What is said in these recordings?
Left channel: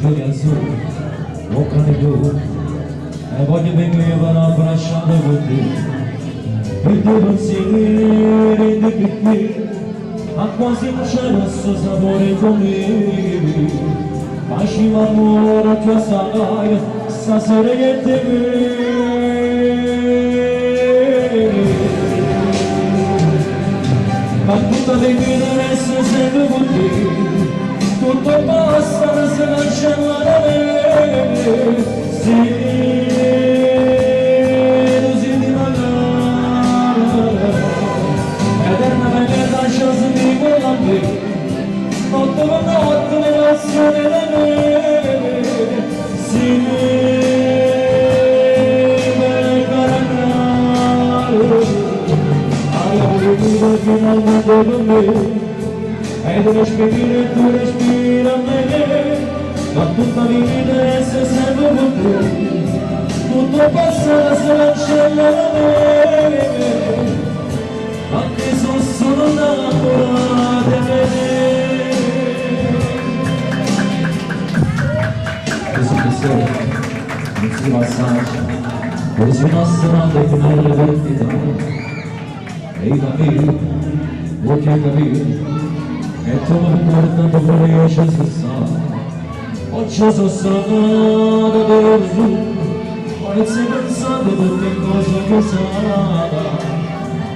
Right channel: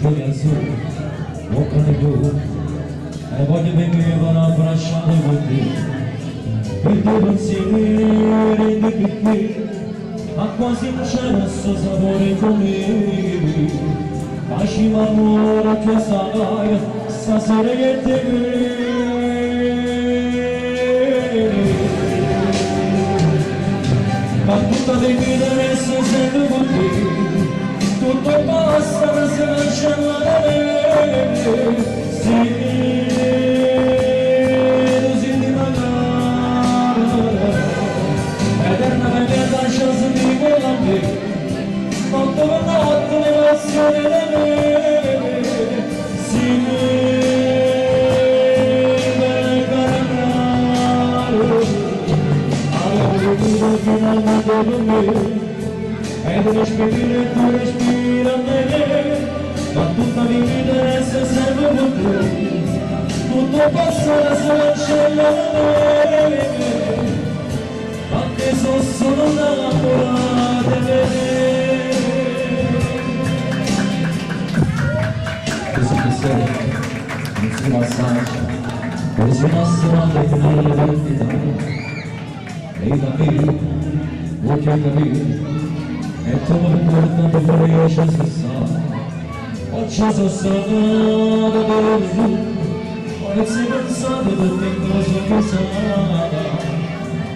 cieli azzurri, toccano più, e voglio venire per abbracciare con te. I tuoi pensieri di qui, ma quasi non c'è questo sapore come. Facci l'amore a tua sagaia, stasera che te ma tutta le vite resta sempre con te, tutto passa ma se non c'è la me, sì, tu senti magari, eternamente lascia sentire quella me, notte per notte le passioni da me, sì, per caricare. Finalmente con me e tu respira me ma tutta la vita resta sempre con te tutto passa se non c'è la me anche se sono innamorata di me così che sei non si passaggia così nascono nelle vendite e da me, vuoi che capire, e tu mi portando con io ci sono stato, o ci sono stato per giù, o non sei pensato tutte cose che sai,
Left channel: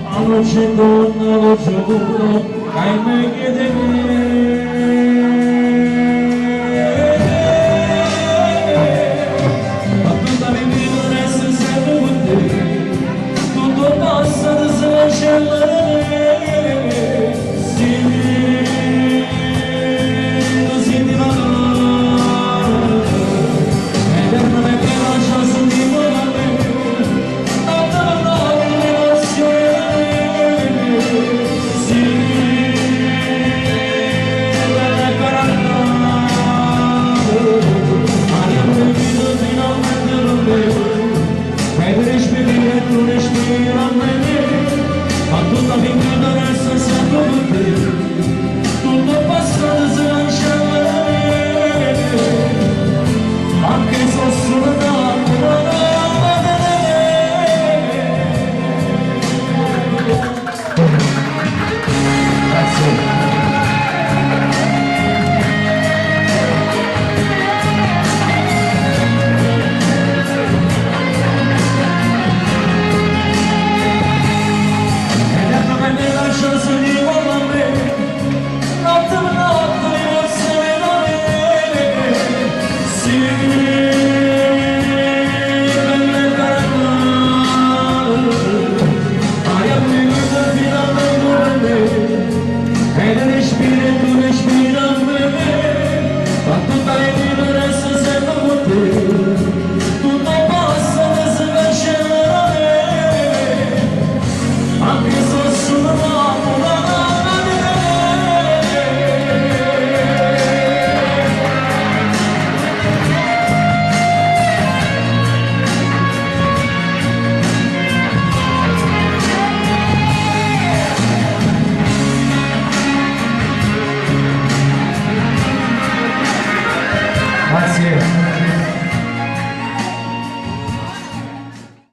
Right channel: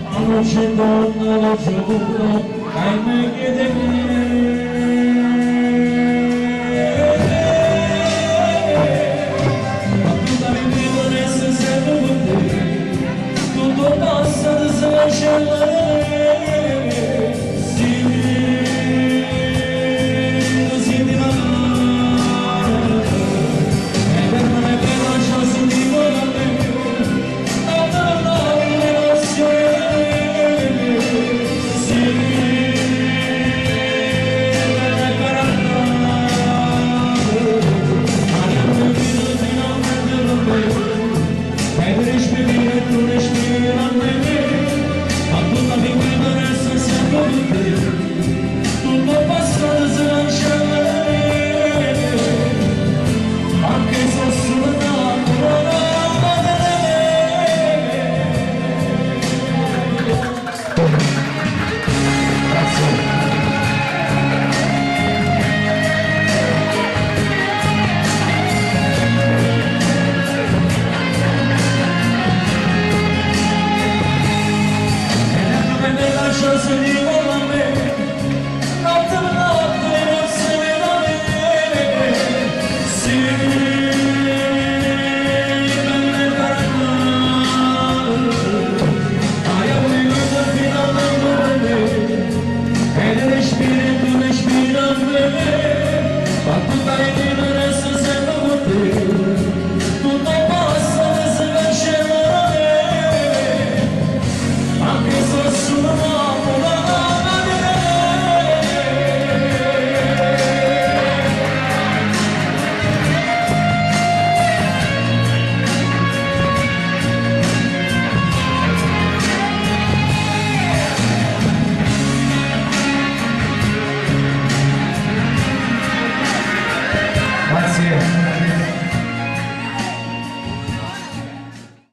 ma non c'è donna, lo giuro, hai me che te